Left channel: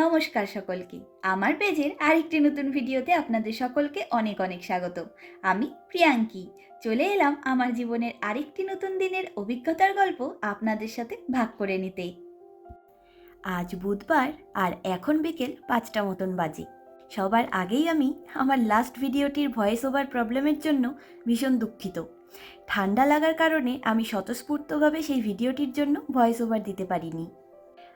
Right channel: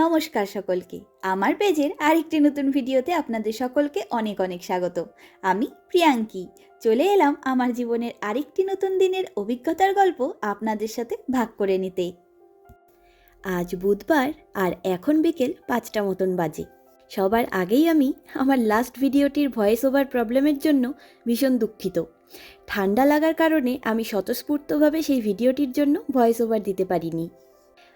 নমস্কার সকলকে। আমার পেজের আরেকটি নতুন ভিডিওতে আপনাদের সকলকে অনেক অনেক স্বাগত। আমি প্রিয়াঙ্কি। চলে এলাম আমার জীবনের আরেকটি নতুন দিনের অভিজ্ঞতার গল্প আপনাদের সাথে ভাগ করে নিতে। আজ বুধবার আর এখন বিকেল 5টা মতন বাজে। সবার আগেই আমি আমার লাস্ট ভিডিওটির ভয়েস ওভার প্রবলেমের জন্য ভীষণ দুঃখিত। ঠান্ডা লাগার কারণে আমি স্বতঃস্ফূর্তভাবে সেই ভিডিওটির জন্য ভয়েস ওভার দিতে পারিনি।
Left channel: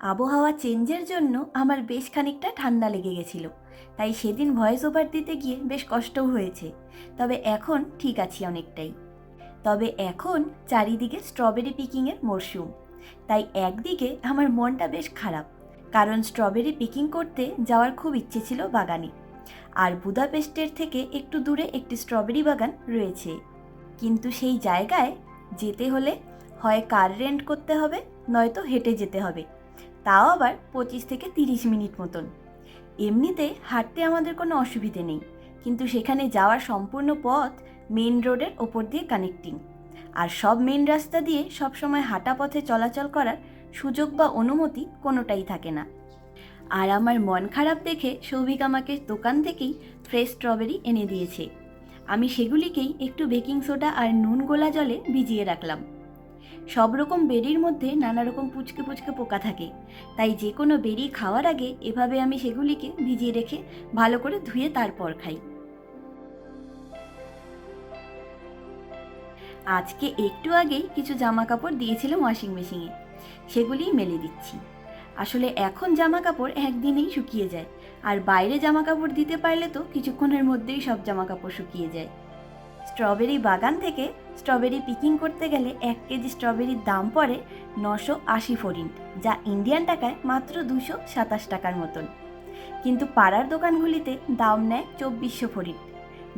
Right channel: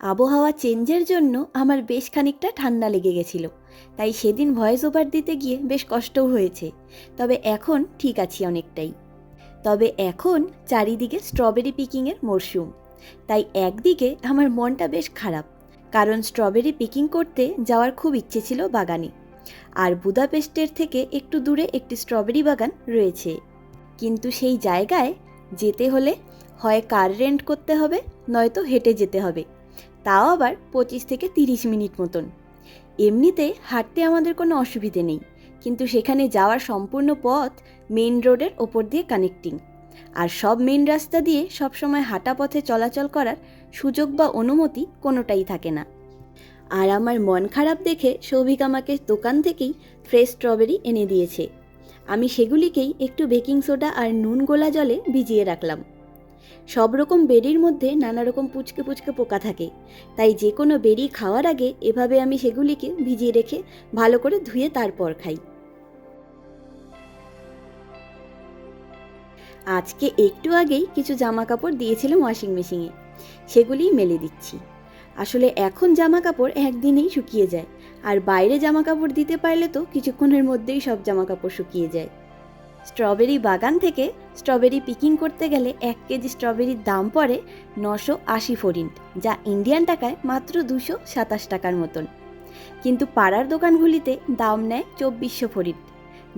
আবহাওয়া চেঞ্জের জন্য আমার বেশ খানিকটা ঠান্ডা লেগে গেছিল, তাই সেদিন ভয়েস ওভার দিতে গিয়ে বেশ কষ্টও হয়েছে। তবে এখন ঠিক আছি অনেকটাই। তবে এখন চারিদিকে স্ট্রবেরি পিকিংয়ের মরশুম, তাই একদিকে আমার মনটা বেশ খারাপ, কারণ স্ট্রবেরি পিকিং করতে যাওয়ার খুব ইচ্ছে ছিল বাগানে। আর বুদাপেস্টের থেকে একটু দূরে একটি স্ট্রবেরি বাগান রয়েছে, কিন্তু সেই জায়গায় যেতে হলে হয় কার রেন্ট করতে হবে, নয়তো হেঁটে যেতে হবে, তাও আবার 25 থেকে 30 মিনিট মতন। এমনিতে হাঁটতে আমাদের কোনো অসুবিধে নেই, কিন্তু সেখানে যাওয়ার সম্পূর্ণ পথ মেইন রোডের ওপর দিয়ে কানেক্টিং, আর সব মেইন রাস্তা দিয়ে সবসময় হাঁটা পথে চলাচল করার সুযোগ বা অনুমতি কোনোটাই থাকে না। আর আমার মন খারাপ দেখে সৌভিক আমাকে দোকান থেকেই ফ্রেশ স্ট্রবেরি এনে দিয়েছে। আমি সেগুলিকেই একটু বেকিং সোডা আর নুন গোলা জলে ভিজিয়ে রাখলাম। সব রকম বেরির মধ্যে নানা রকম পুচকে পুচকে পোকা থাকে, তাই যে কোনো বেরি খাওয়ার আগে এভাবে আমি সেগুলিকে ভিজিয়ে রেখে ভালো করে ধুয়ে তারপর খাই। আজকে একটু আগেই কিছু জামা কাপড় দিয়েছিলাম ওয়াশিং মেশিনে, সেগুলিই মেলে দিচ্ছি। আসলে এখন জামা কাপড় একদিনেই শুকিয়ে যায়, আর বাইরে জামা কাপড় দিতে পারলে তো কিছুক্ষণের মধ্যেই সব জামা কাপড় শুকিয়ে যায়। স্ট্রবেরি বাগান থেকে স্ট্রবেরি পিকিং করতে গেলে 1 কেজি স্ট্রবেরির দাম পড়ে 980 ফরিন্ট, যা ইন্ডিয়ান টাকায় মাত্র 227 টাকার মতন। কিন্তু পাড়ার দোকানগুলিতে দাম নেয় 2400 ফরিন্ট,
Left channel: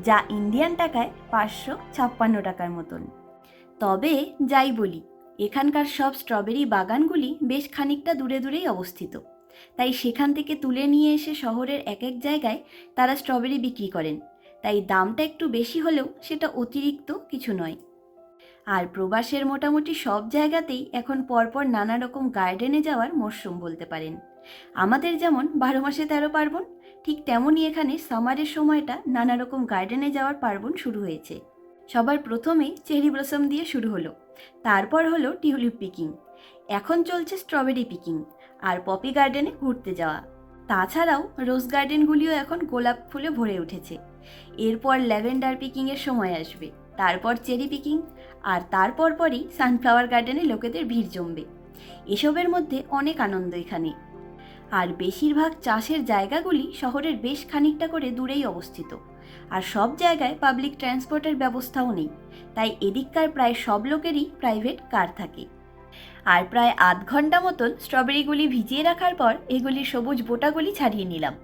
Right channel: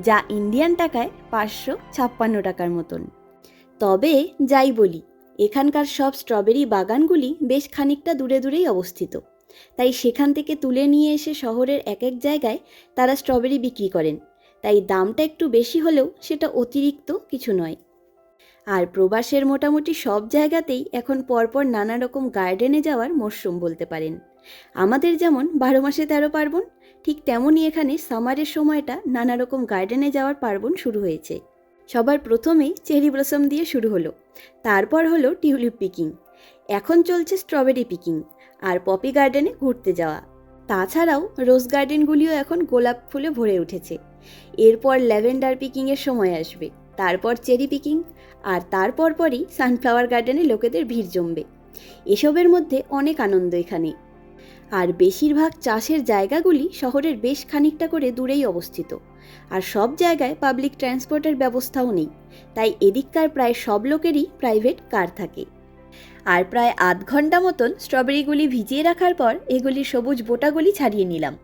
যা ইন্ডিয়ান টাকায় 556 টাকার মতন। তবে যাই বলি, এখানকার সব স্ট্রবেরি বাগানগুলি বেশ খানিকটা দূরে দূরেই অবস্থিত, তাই সেখান থেকে তুলে নিয়ে এসে শহরের এক এক জায়গায় তারা স্ট্রবেরি বিক্রি করেন, তাই দামটা একটু বেশি হলেও সেটা অতিরিক্ত কিছু নয়। আর প্রবাসের মোটামুটি সব জায়গাতেই এখন পরপর নানা রকম গার্ডেনে যাওয়ার মরশুম বলতে পারেন। আমাদের যেমন 12 মাসে 13 পার্বণ, ঠিক তেমনই এখানে সামারের সময়টা নানা রকম গার্ডেনে যাওয়ার পার্বণ শুরু হয়েছে। সবার প্রথমেই চেরি ব্লসম দিয়ে শুরু হলো, তারপর হলো টিউলিপ পিকিং, এখন চলছে স্ট্রবেরি পিকিং আর পপি গার্ডেনে ঘুরতে যাওয়া। তাছাড়াও রোজ গার্ডেনগুলিও এখন গোলাপ ফুলে ভরে উঠেছে। এরপর ল্যাভেন্ডার পিকিংয়ের সময় আসবে, তারপর চেরি পিকিং, আর তারপর পরই সানফ্লাওয়ার গার্ডেনে লোকেদের ভিড় জমবে। এসবের মধ্যে অনেক আনন্দ এখানে। আর বেশিরভাগ চাষের জায়গাগুলি শহরের বেশ খানিকটা করে দূরেই অবস্থিত, আর সব জায়গায় পাবলিক ট্রান্সপোর্টের ব্যবস্থাও নেই, তাই এদিককার প্রায় সব লোকেরই প্রাইভেট কার থাকে। আর প্রায় আধ ঘন্টা মতন স্ট্রবেরিগুলি ভিজিয়ে রাখার পর এগুলির সবুজ বোটাগুলি ছাড়িয়ে নিলাম।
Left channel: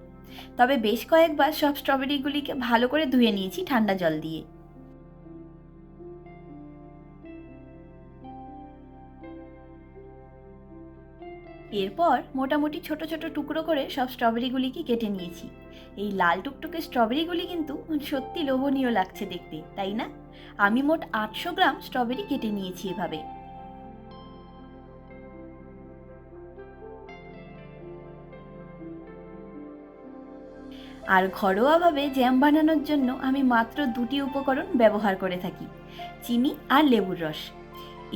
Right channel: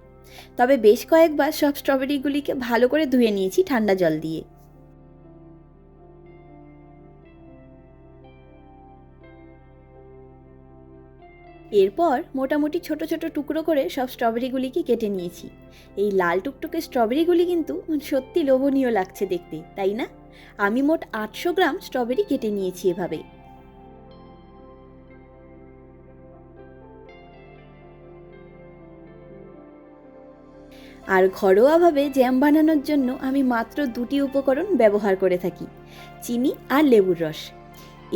তবে বেশ কয়েকবার সব স্ট্রবেরিগুলিকে ভালো করে ধুয়ে নিয়েছি ঠান্ডা জল দিয়ে। এরপর মোটামুটি ছোট ছোট টুকরো করে সব স্ট্রবেরিগুলিকে কেটে নিয়েছি। এই লাল টুকটুকে স্ট্রবেরিগুলি কিন্তু সত্যি লোভনীয় লাগছে দেখতে, তাই না? আমি মোট 800 গ্রাম স্ট্রবেরি কেটে নিয়েছি এভাবে। আর ঘরোয়াভাবে জ্যাম বানানোর জন্য আমি মাত্র 2টি উপকরণ ব্যবহার করে থাকি: চিনি আর লেবুর রস।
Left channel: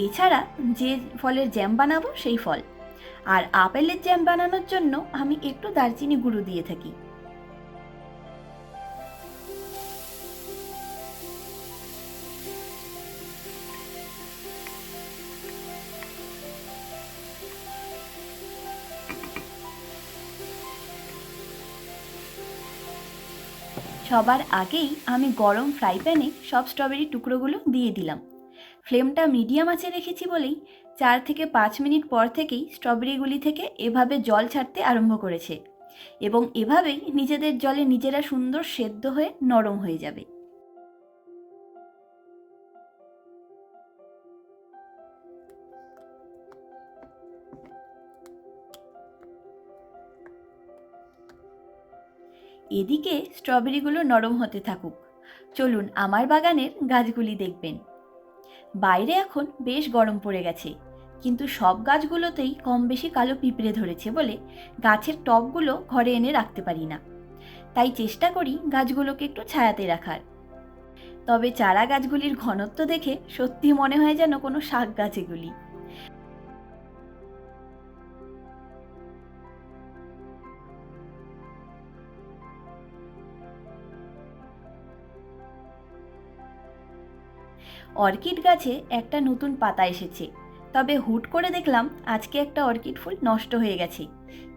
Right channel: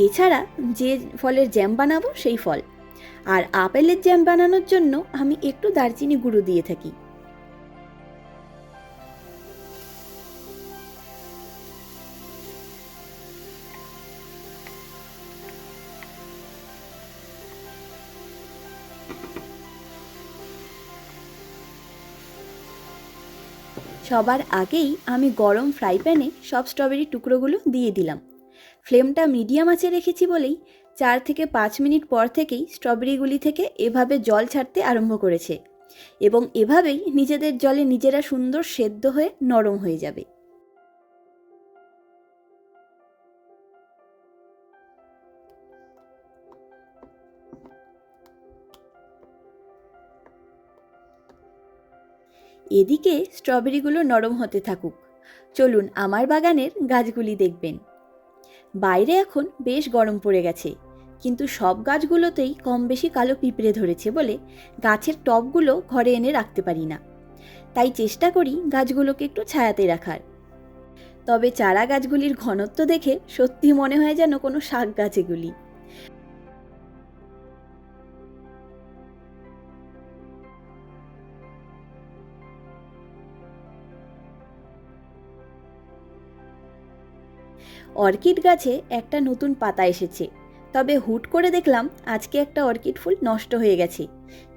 এছাড়া যে ফলের জ্যাম বানাবো সেই ফল। আর আপেলের জ্যাম বানানোর জন্য আমি একটু দারচিনি গুঁড়ো দিয়ে থাকি। সবার আগেই আমি গরম ফ্রাই প্যানে সব স্ট্রবেরি টুকরোগুলো দিয়ে দিলাম। ফ্লেমটা মিডিয়াম আঁচে রেখেছি বলেই 4 থেকে 5 মিনিট পর থেকেই স্ট্রবেরিগুলি থেকে এভাবে জল ছাড়তে আরম্ভ করেছে, এবং এভাবেই নিজেদের জলে নিজেরা সুন্দর সেদ্ধ হয়ে নরম হয়ে যাবে। এদিকে স্ট্রবেরিগুলো নরম হতে থাকুক, চলুন আমার বাগানের গাছগুলি দেখবেন। বাইরে এখন বেশ গরম পড়ে গেছে, কিন্তু সব গাছগুলোতেই কম বেশি কালো পিঁপড়ে ধরেছে বলে গাছের টবগুলো ঘরে এনে রাখতে পারি না। তাই চেষ্টা করি গাছগুলোকে একটু ছায়াতে রাখার। তবে চারা গাছগুলির ঘনত্ব দেখে সত্যি মনে হয় যেন কোনো শাক গাছ এগুলি। অর্কিড গাছে একটা নতুন পাতা এসেছে, তবে হুট করে দেখলাম আজকে একটা অর্কিড ফুল নষ্ট হয়ে গেছে।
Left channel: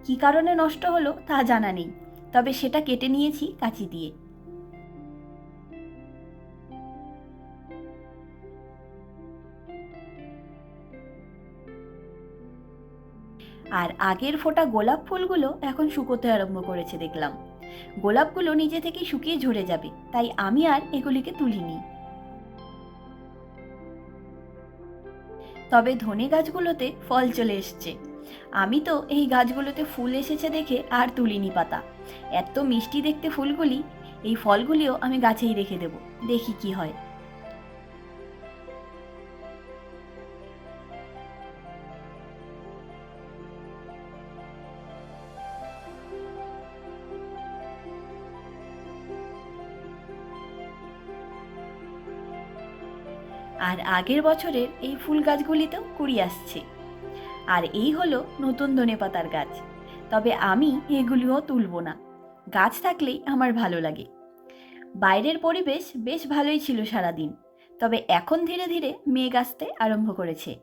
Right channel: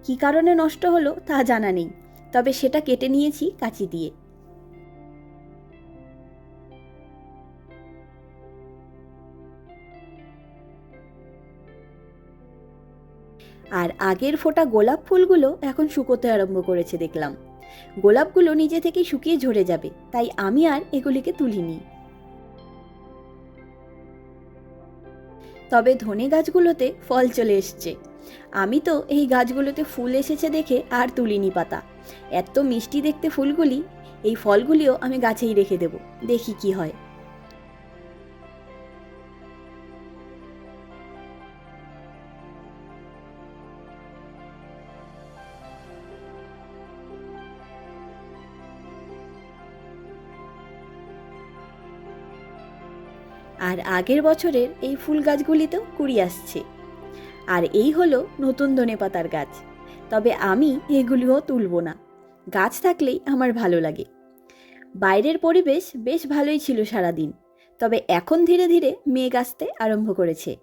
কী কারণে নষ্ট হলো তা জানা নেই, তবে সেটা কেটে নিয়েছি কাঁচি দিয়ে। আর আগের ফোটা গোলাপ ফুলগুলো এখন শুকোতে আরম্ভ করেছে দেখলাম। গোলাপগুলো নিজে থেকেই শুকিয়ে ঝরে যাবে, তাই আমি আর এগুলিকে তুলিনি। তবে ধনে গাছগুলোতে ফল চলে এসছে। আমি তো এই গাছগুলোতে ফুল এসেছে দেখে আর তুলিনি পাতা। এত মিষ্টি দেখতে ফুলগুলি, এই ফলগুলিও আমি গাছেই রেখে দেব, দেখি কি হয়। আর আগের বছরের এই ফুল গাছগুলিতেও কুড়ি আসছে। আর এই হলো নতুন ধনেপাতার গাছ। তবে আমি এগুলিও তুলব না, গাছ থাকলেই আমার ভালো লাগে। বাইরের পরিবেশ বেশ ভালোই ছিল সারাদিন, তবে এখন ধীরে ধীরে মেঘ আসতে আরম্ভ করেছে।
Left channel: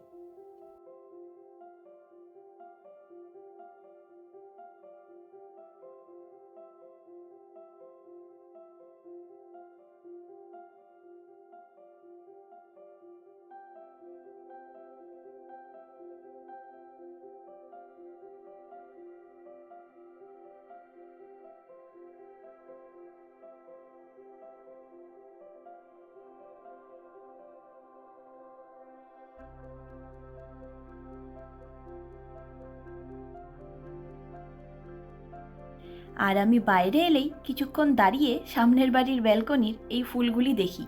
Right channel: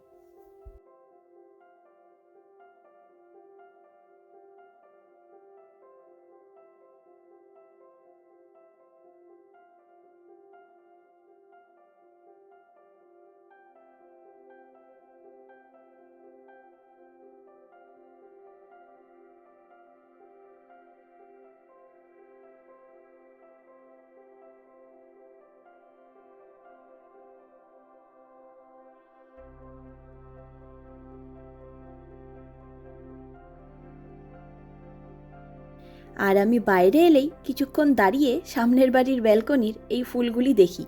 আর আমি বাইরে এলেই কিছুক্ষণ দাঁড়িয়ে সামনের বাড়ির ব্যালকনির এই ফুলগুলি দেখি,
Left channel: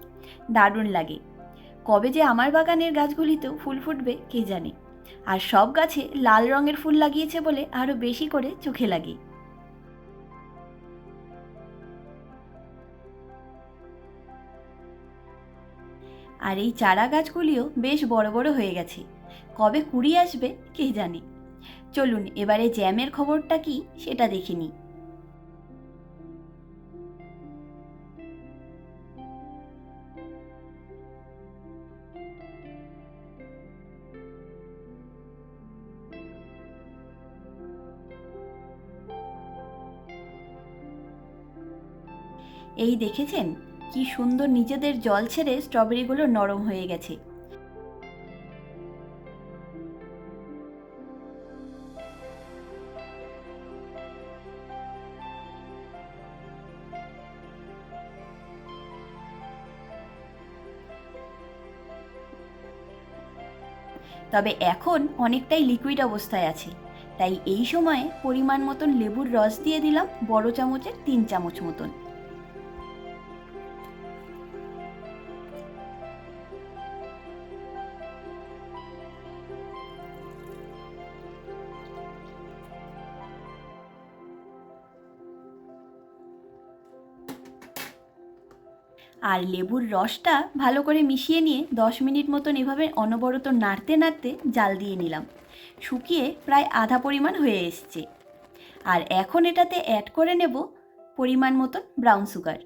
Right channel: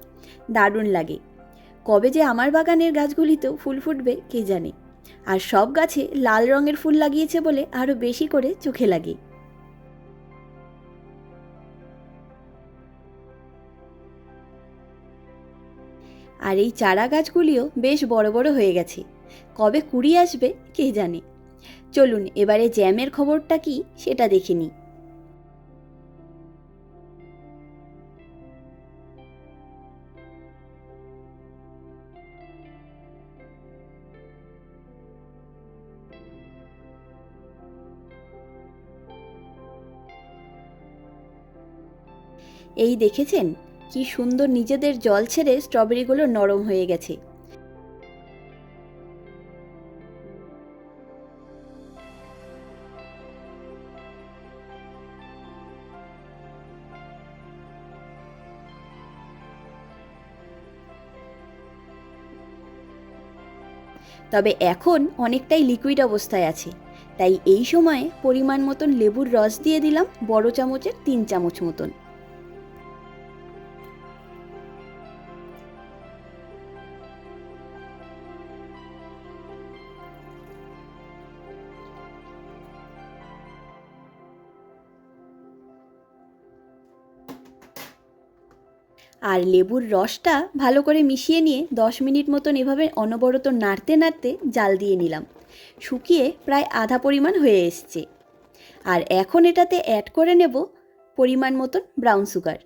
দারুণ লাগে। কবে যে আমার বাগানের গাছগুলিতেও ফুল ফুটবে কে জানে। আর সব গাছে লাল রঙের ফুল লাগিয়েছে বলে আরও বেশি করে চোখে লাগে। আর এই চারা গাছগুলিও বেশ বড় বড় হয়ে গেছে, কবে কুড়ি আসবে কে জানে। চলুন এবারে জ্যামের খবরটা কি সেটা দেখে নিই। এই দেখেছেন কি সুন্দর নিজেদের জল ছেড়ে স্ট্রবেরিগুলো নরম হয়ে গেছে। তবে এখন অনেকটাই লিকুইড অবস্থায় আছে, তাই এই সময়ে পরিমাণ মতন লেবুর রস দিয়ে দিলাম বড় চামচের 3 চামচ মতন। আর লেবুর রসটা ভালো করে মিশিয়ে নিয়ে 10 মিনিট মতন এভাবে অনবরত নাড়তে নাড়তে জাল দিয়ে নিলাম। শুকিয়ে প্রায় আধা পরিমাণ হয়ে এসছে। আর এখন এটাতে অ্যাড করে নেব পরিমাণ মতন ব্রাউন সুগার।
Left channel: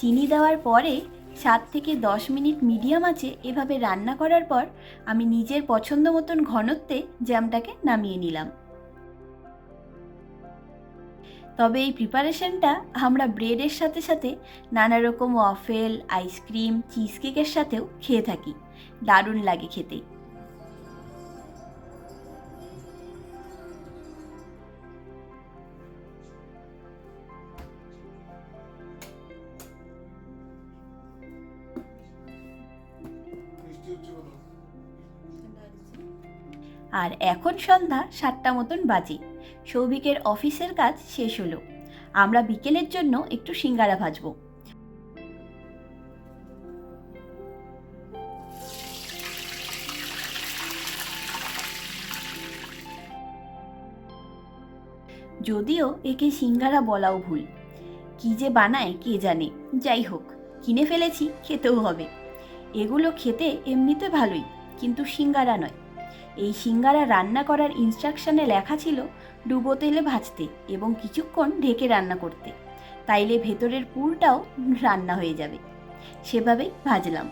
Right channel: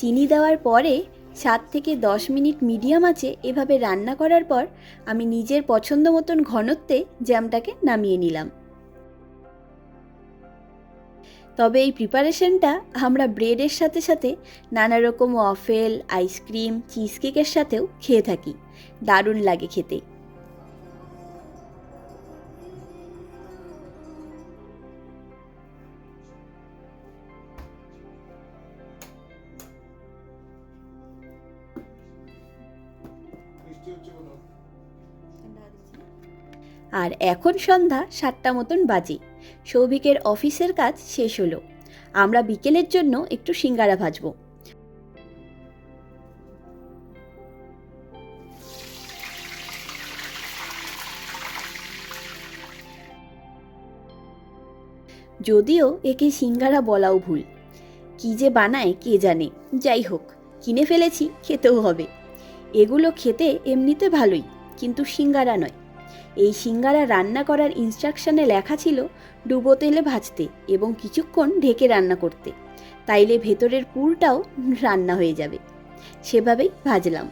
চিনি দেওয়ার পরে 7 থেকে 10 মিনিট মিডিয়াম আঁচে এভাবে রান্না করার পর আমি নিজের পছন্দ মতন ঘনত্বে জ্যামটাকে নামিয়ে নিলাম। তবে এই প্রিপারেশনটা আমরা ব্রেডের সাথে সাথে নানা রকম ওয়াফেল, আইসক্রিম, চিজ কেকের সাথেও খেয়ে থাকি, দারুণ লাগে খেতে। আর এখন সন্ধ্যা 7টা মতন বাজে। সৌভিকের অফিসের কাজ শেষ হলো। আমরা বিকেলের জন্য একটু সিঙ্গারা ভাজবো। যদিও একে সিঙ্গারা বলাও ভুল, কি যে বানায় কে জানে। যাই হোক, কিনে ফেলেছি, খেতেও হবে। এগুলো খেতে এমনিতে ভালোই, কিন্তু সিঙ্গারা নয়। এই সিঙ্গারা রান্না করার ইনস্ট্রাকশনে লেখা ছিল ডুবো তেলে ভাজতে এবং কিছুক্ষণ ঢেকে রান্না করতে, তাইলে ভেতরের পুরটাও রান্না হয়ে যাবে। সেভাবেই ভাজলাম।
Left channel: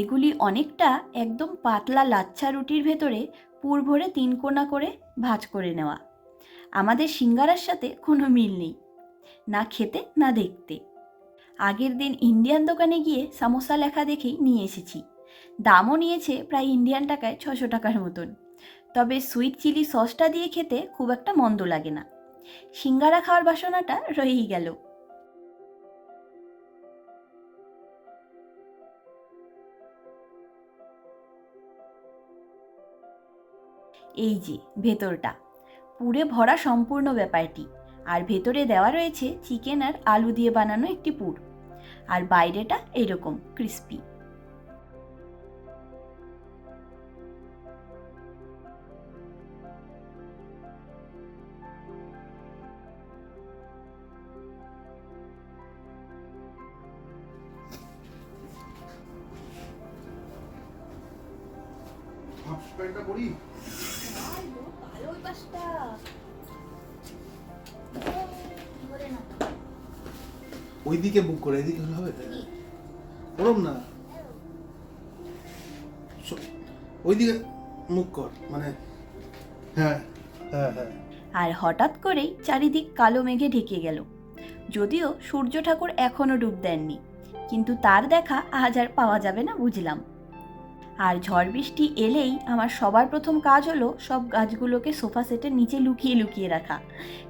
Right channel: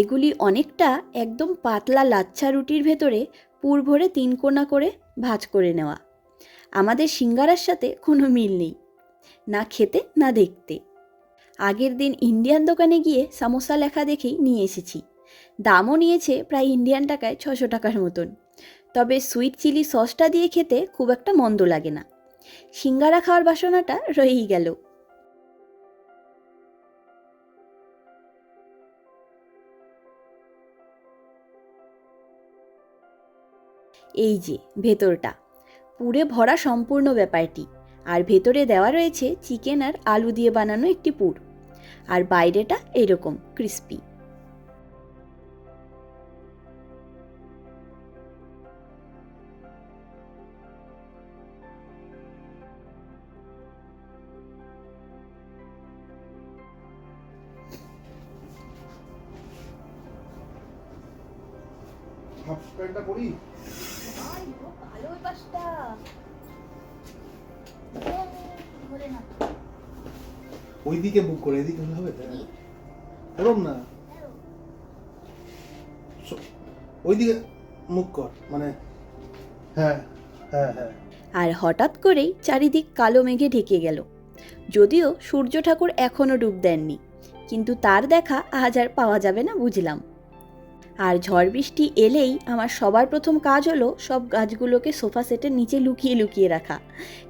এগুলি অনেকটা একদম পাতলা লাচ্ছা রুটির ভেতরে পুর ভরে 3 কোনা করে ভাঁজ করে নেওয়া। আমাদের সিঙ্গারার সাথে কোনো মিল নেই, না খেতে না দেখতে। আগের দিন ইন্ডিয়ান দোকানে গিয়ে সামোসা লেখা দেখেই নিয়ে এসেছি। দামও নিয়েছে প্রায় ইন্ডিয়ান টাকায় 600 টাকার মতন। তবে সুইট চিলি সসটা দিয়ে খেতে খুব একটা মন্দ লাগে না। সিঙ্গারা খাওয়ার বাসনাটা রয়েই গেল। এই যে ভেতরটা পুরে ভরা সম্পূর্ণ ব্যাপারটি, আর ভেতরে দেওয়া রয়েছে চিকেন আর আলু দিয়ে বানানো একটি পুর, আর বাইরেটা এরকম ক্রিস্পি। হাফ প্যান্টটা পরি। ওইদিকে বুক করে, এদিকে হলে হবে ওরম না, ওইদিকে মুখ কর, মানে হ্যাঁ হ্যাঁ হ্যাঁ। আর হঠাৎ করেই চারিদিক কালো মেঘে ঢেকে গেল। যদিও সূর্য ঠাকুর এখনও ডুব দেননি, কিন্তু তার দেখা আজ আর পাওয়া যাবে না বুঝলাম। আর ঝড় বৃষ্টি এলেই আমার সবার প্রথম কাজ হলো সব গাছগুলোকে সোফা সেটের নিচে লুকিয়ে লুকিয়ে রাখা,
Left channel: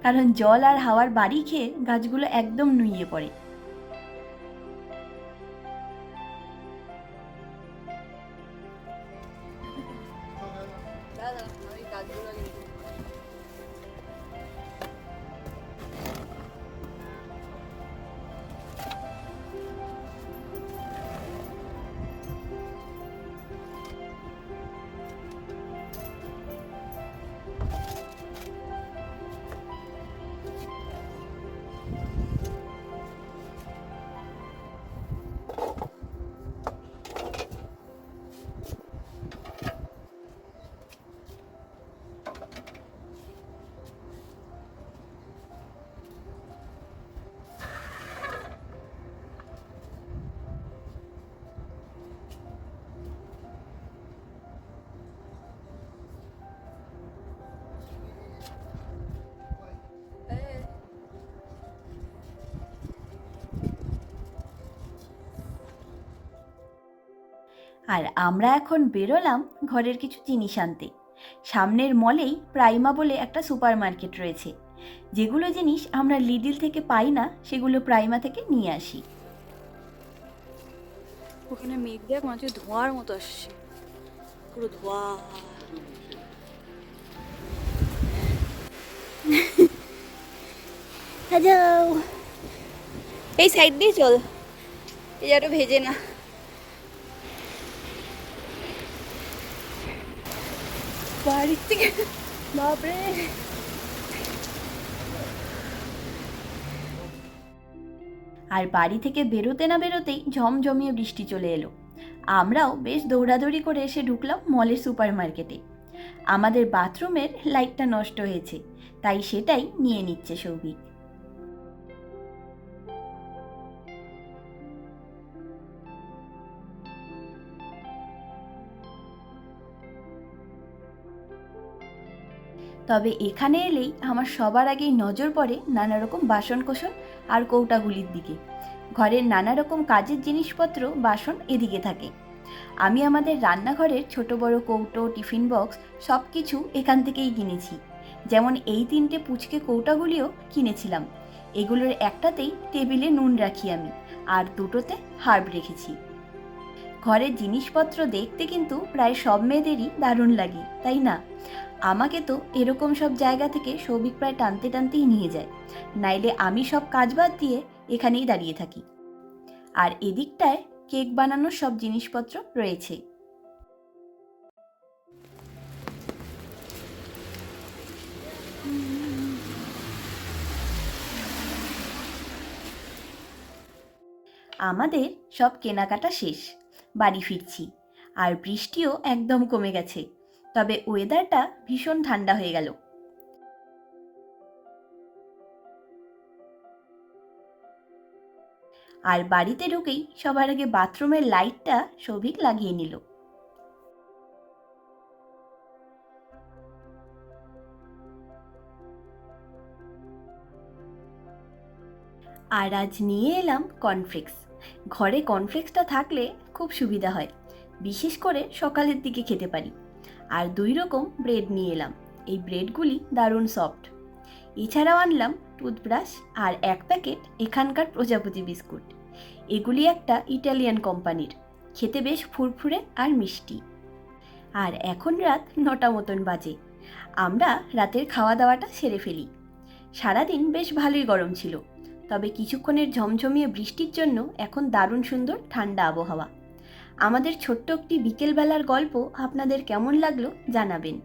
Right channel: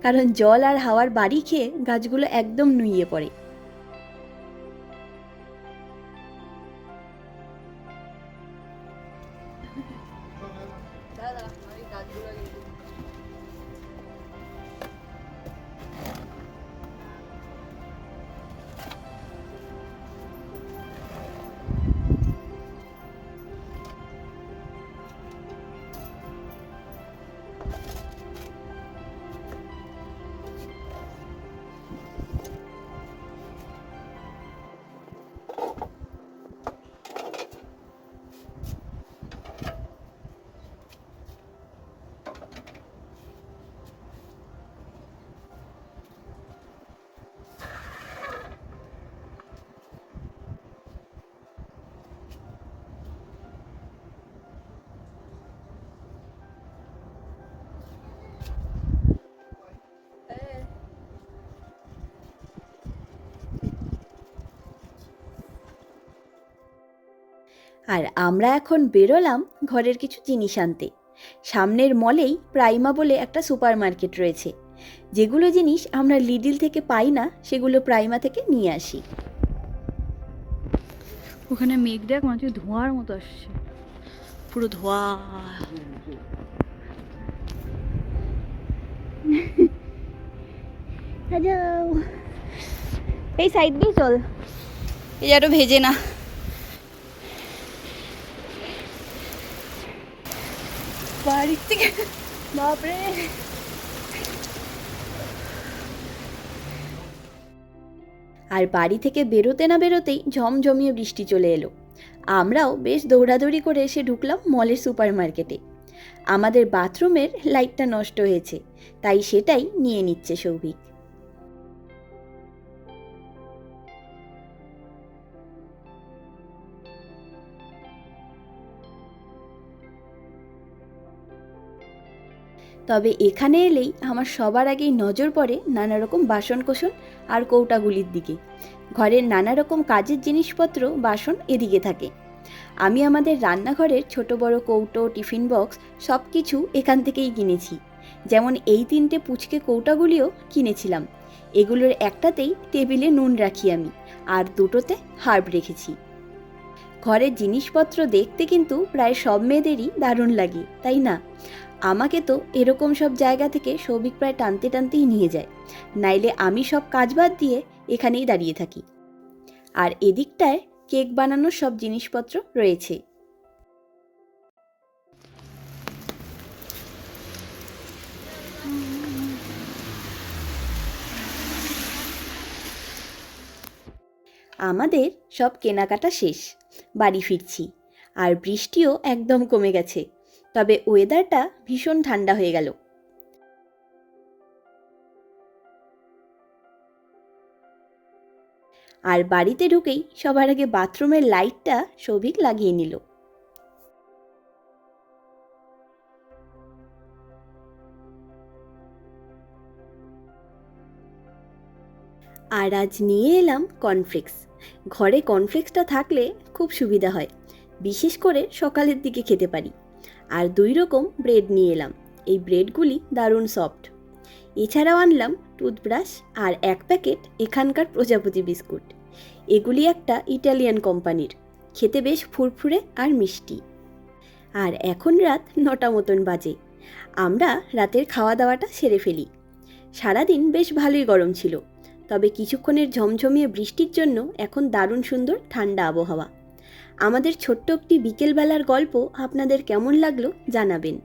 কারণ জল আর হাওয়ার বাড়ি খেয়ে গাছগুলো একদম নুইয়ে পড়ে। আর আমরা এখন বেরোলাম ঘরের কিছু জিনিস আনতে। সামনের মলেই প্রাইমা বলে একটা সুপার মার্কেট রয়েছে। যেগুলো জিনিস আমরা লিডল থেকে পাই না, সেগুলো প্রাইমা থেকে নিয়ে আসি। ওখানে মেঘ দেখ, মাঝে ধোঁয়ার মতো আসছে, পুরো ধোঁয়া। যাও, এই সাইড দিয়ে চল, এই যেন ভেজে না। বাড়ির থেকে বাপরে, আর বাড়ি থেকে বেরোতে না বেরোতেই ঝমঝমিয়ে বৃষ্টি চলে এলো। আমরাও বেশ দৌড়াদৌড়ি করে এসে ঢুকলাম মলের সুপার মার্কেটে। আমাদের বাথরুমের লাইটটা নষ্ট হয়েছে, তাই সেটাই নিয়ে নিচ্ছে সৌভিক। তবে এখানে এলেই আমার সবার আগেই নজর পড়ে নানা রকম বাসনকোসন আর কৌটাগুলির দিকে। ঘরের নানা রকম কাজের জিনিসপত্র, বাসন এদিকে থাকে। আমি আমাদের রান্নাঘরের ছোট বড় কৌটো, টিফিন বক্স সব কিছু এখান থেকেই কিনেছি। যেমন এই 3টে পুচকে কৌটাগুলিও কিনেছিলাম। এগুলোর একটাতেই টেবিলে নুন রাখি আমি, আর দুটোতে হার্ব রেখেছি। ঘরের জিনিসপত্র দেখতে কিন্তু প্রায় সব মেয়েদেরই দারুণ লাগে, তাই না? আমাকে তো এরকম সব জায়গা থেকে সৌভিক প্রায় টানতে টানতেই নিয়ে যায়, নাইলে আমি সব কাজ বাদ দিয়ে এখানেই দাঁড়িয়ে থাকি। আর এদিকটায় কেক বানানোর সব জিনিসপত্র রয়েছে। আমাদের সব কেনাকাটা শেষ, বাড়ি ফিরছি। আর বৃষ্টিও একদম কমে গেছে, তবে ওয়েদারটা ভীষণ ঠান্ডা হয়ে গেল। আর বাড়িতে ঢুকেই সবার আগে বাথরুমের লাইটটা সৌভিক লাগিয়ে নিল। আর আজ নিয়ে এলাম কর্নফ্লেক্স। ঘরে কর্নফ্লেক্সটা থাকলে খুব সুবিধা হয়, বিশেষ করে সকালের দিকে খেতে পারি। আর 2 রকম ব্রেড নিয়ে এলাম, এই ব্রেডগুলি দারুণ সফট। এছাড়াও আনলাম টুথব্রাশ আর 1 প্যাকেট এখানকার প্রজাপতি বিস্কুট। এগুলি একটা ইটালিয়ান কোম্পানির, খেতে বেশ ফুরফুরে আর মিষ্টি। আর এখন রাত 9টা মতন বাজে। আমরা রাতের খাওয়া দাওয়াটা সেরে ফেলি। সারাদিন বেশ ভালোই গরম ছিল, তবে কিছুক্ষণের ঝমঝমিয়ে বৃষ্টির জন্য এখন দারুণ সুন্দর ঠান্ডা আবহাওয়া। আমাদের ছোট্ট একটি বিকেলবেলার গল্প আপনাদের কেমন লাগলো জানাবেন।